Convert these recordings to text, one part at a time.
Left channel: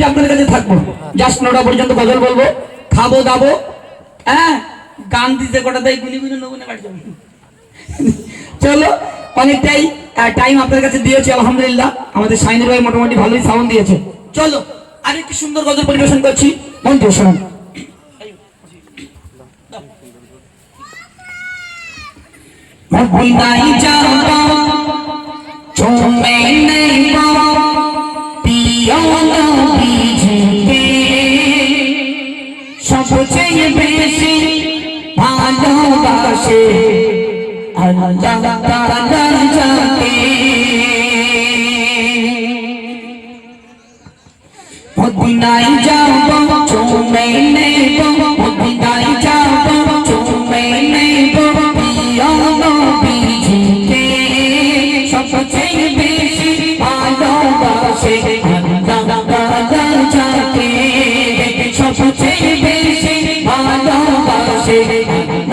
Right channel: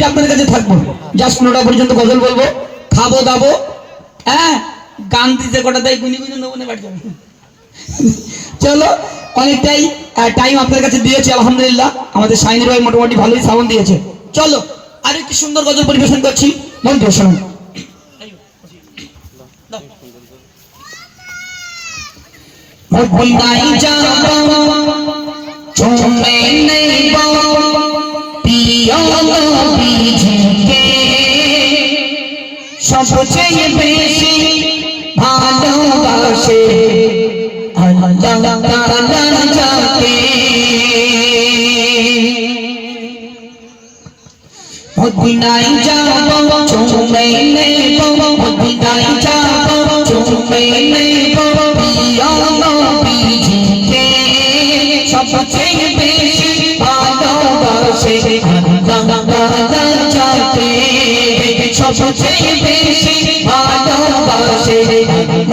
Complete আপনাদের কাছে থাকব। জাস্ট নটা পর্যন্ত গজল বলব, খাব, দাবো হ্যাঁ? গান দিতে কটা তাই গুনি গুনি নেব না চলো, অনেকটাই টাইম আপনাদের কাছে দিয়েছে, আলহামদুলিল্লাহ। আমাদের সাইনের ভাই মোটামুটি ভালোই সালাম দিয়েছে। চলো, আরেকটি সুন্দর গজল পরিবেশন করছি। মন দিয়ে শোনো ভুল নাই সবচেয়ে বেশি ভালোবাসে। মদিনায় যাব চলে নেব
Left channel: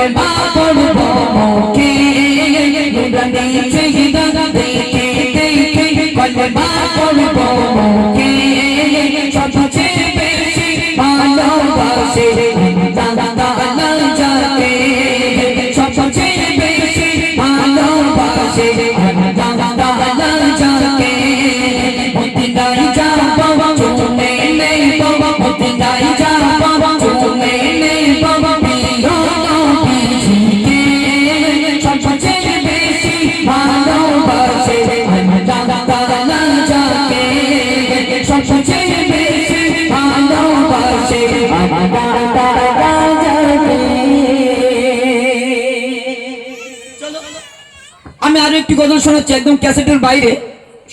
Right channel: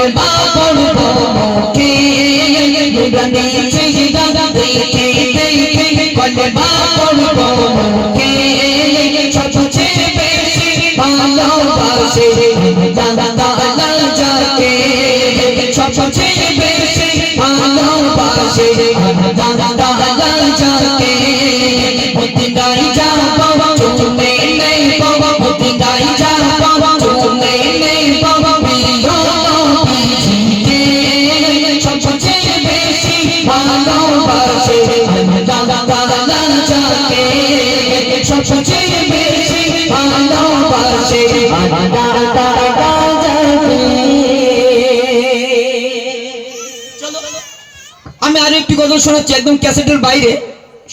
Dun dun dun dun dun আমি আরও একটি গজল শোনাচ্ছি একদম ক্যাসেটের বাইরে।